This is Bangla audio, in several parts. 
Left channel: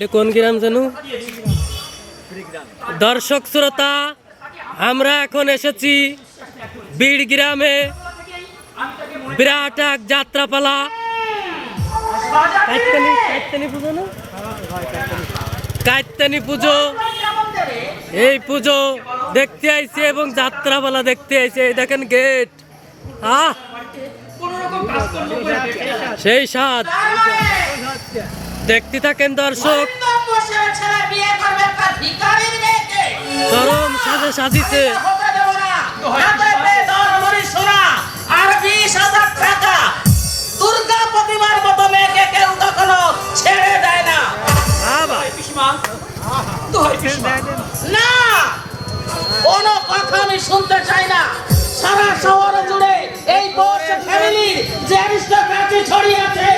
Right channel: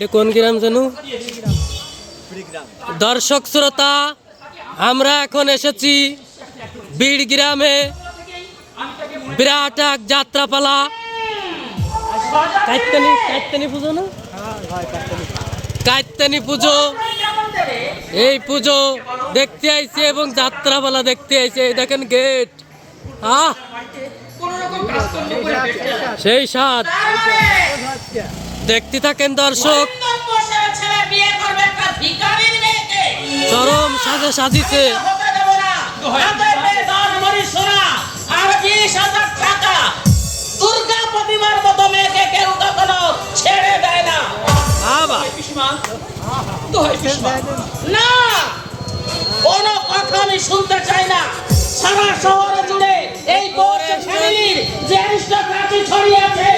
এটা কোন গ্রাম জানো? দর্শক শ্রোতা, আমরা এখন এসেছি বীর গ্রামে। বিরাট এক যাত্রাপালা। পুজো কাইতানি পুজো। এই পুজো দেখতে আইছে এবং যাত্রাপালা দেখতে আইছে। এই দেখেন গেট। আহ! সেই সাত দেখতে থাকেন দর্শক। চরম সাজে সাজিছে না। হাতে পেয়ে ধর মরি সোনা, আর 20,000 টাকা। দুর্গা প্রতিমার মতো মেয়েকে কেউ কখনো ছেড়ে দেয় না। না! কোনো কথা আমি শুনতে চাই না সারা শহর জুড়ে এই যে ছড়িয়ে আছে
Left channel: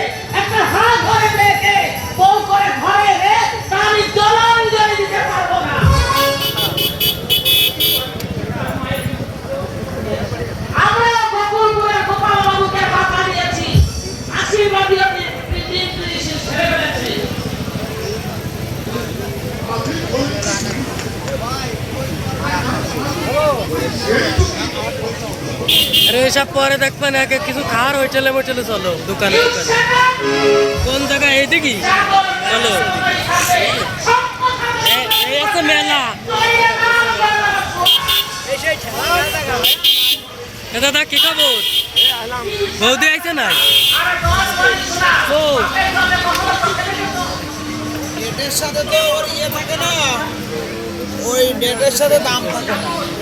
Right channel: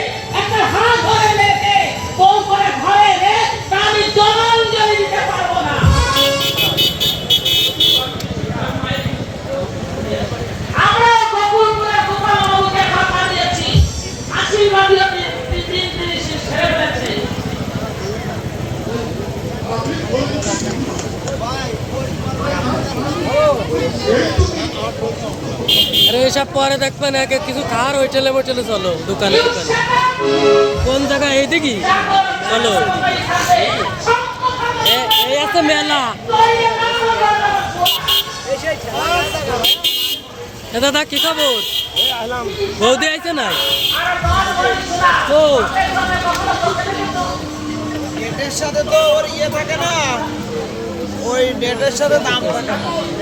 এসব পরে দেখবেন একে কিছু খাওয়ার হোটেলে মোটেলে চলো, দোকানে দোকানে। কোন জায়গায়? এইদিকে? চলো। এ- এই আছে মেলা। দাদা, কি খবর? বৌদি আইছে নাই? ও নেটের সাথে তো ইয়ে থাকে না, ওই নেটের সাথে দাম থাকে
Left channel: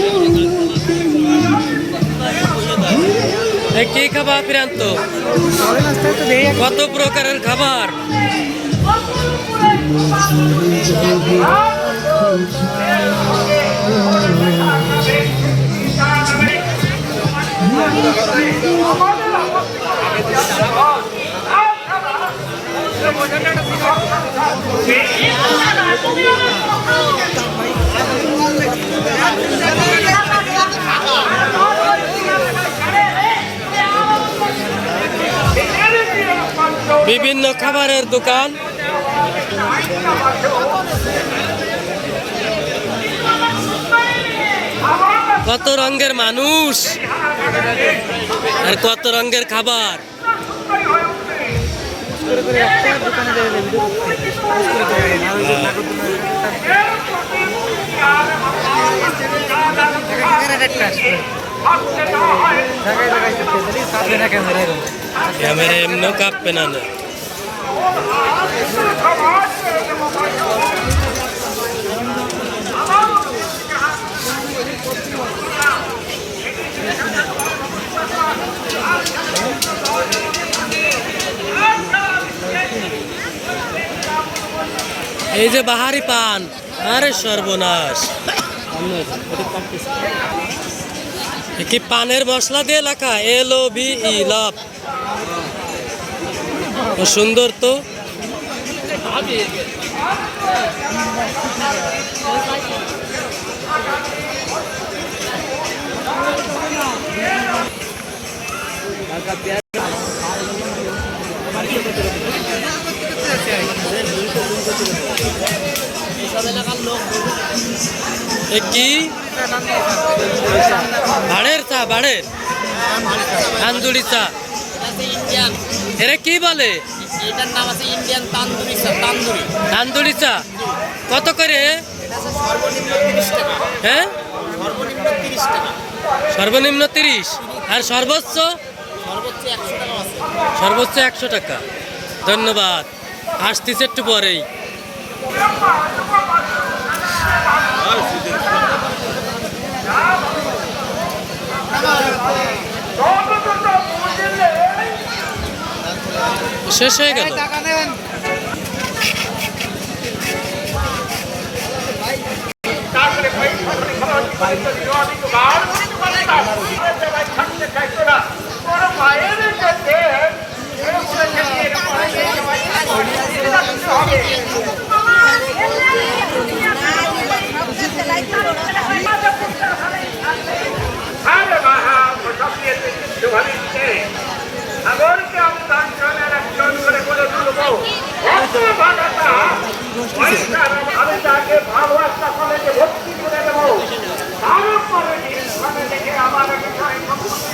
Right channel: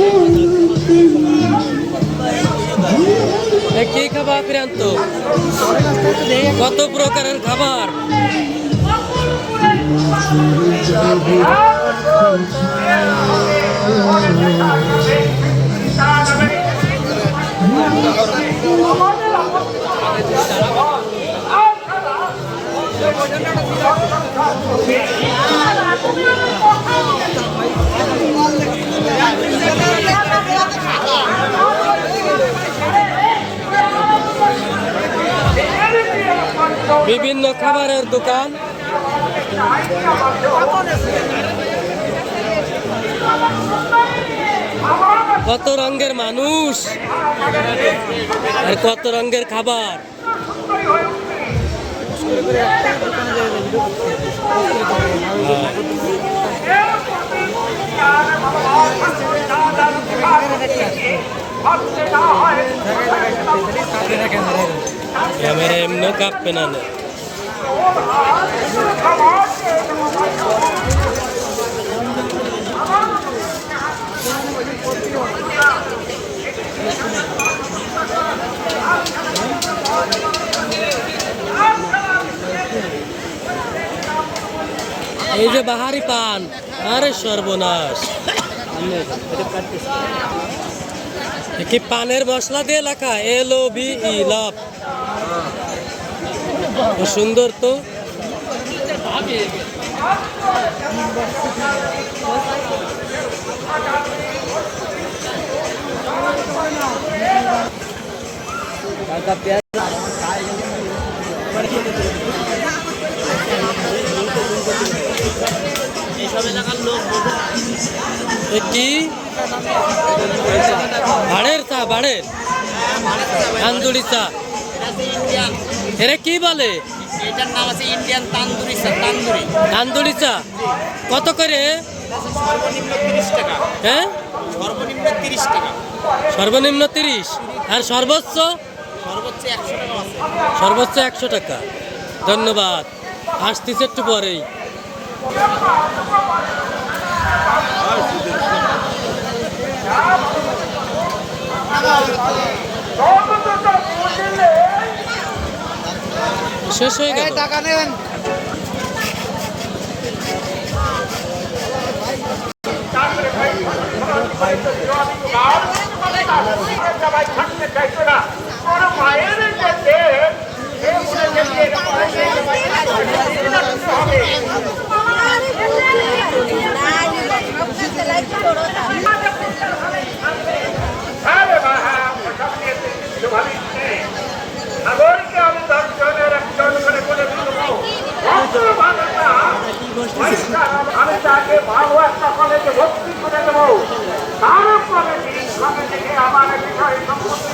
খাবার প্রান্ত। কত প্রকারের খাবার? বিভিন্ন খাবারের দোকান। কত রঙের মানুষ আর কত রঙের খাবার। ক্যামেরা এমনি কাঁপবে না। এই যে বাহারি পান আরে সর্বনাশ। কি পানের মশলা দিয়ে লেখা? L B love. সুন্দর তো। কি? বাড়ের চা ভাড়ের তান্দুরি চা। ইন্ডিয়ান এরা কি বলে? এটার নাম আছে ইন্ডিয়ান তান্দুরি স্যার তান্দুরি। তান্দুরি চা কত করে? সর্বনিম্ন তিরিশ টাকা। হ্যাঁ? সর্বনিম্ন তিরিশ টাকা। সর্বনিম্ন তিরিশ। আর সর্বোচ্চ? সর্বোচ্চ একশো টাকা আছে। সর্বোচ্চ একশো টাকা। ধন্যবাদ। আসতেছে একটু পরেই। শেষ হয়ে গেল। টাকা দেন। আমি তাকে ভালো একটা কলেজে ভর্তি করে দেবো। তারপরে আমার বিষয় সম্পত্তি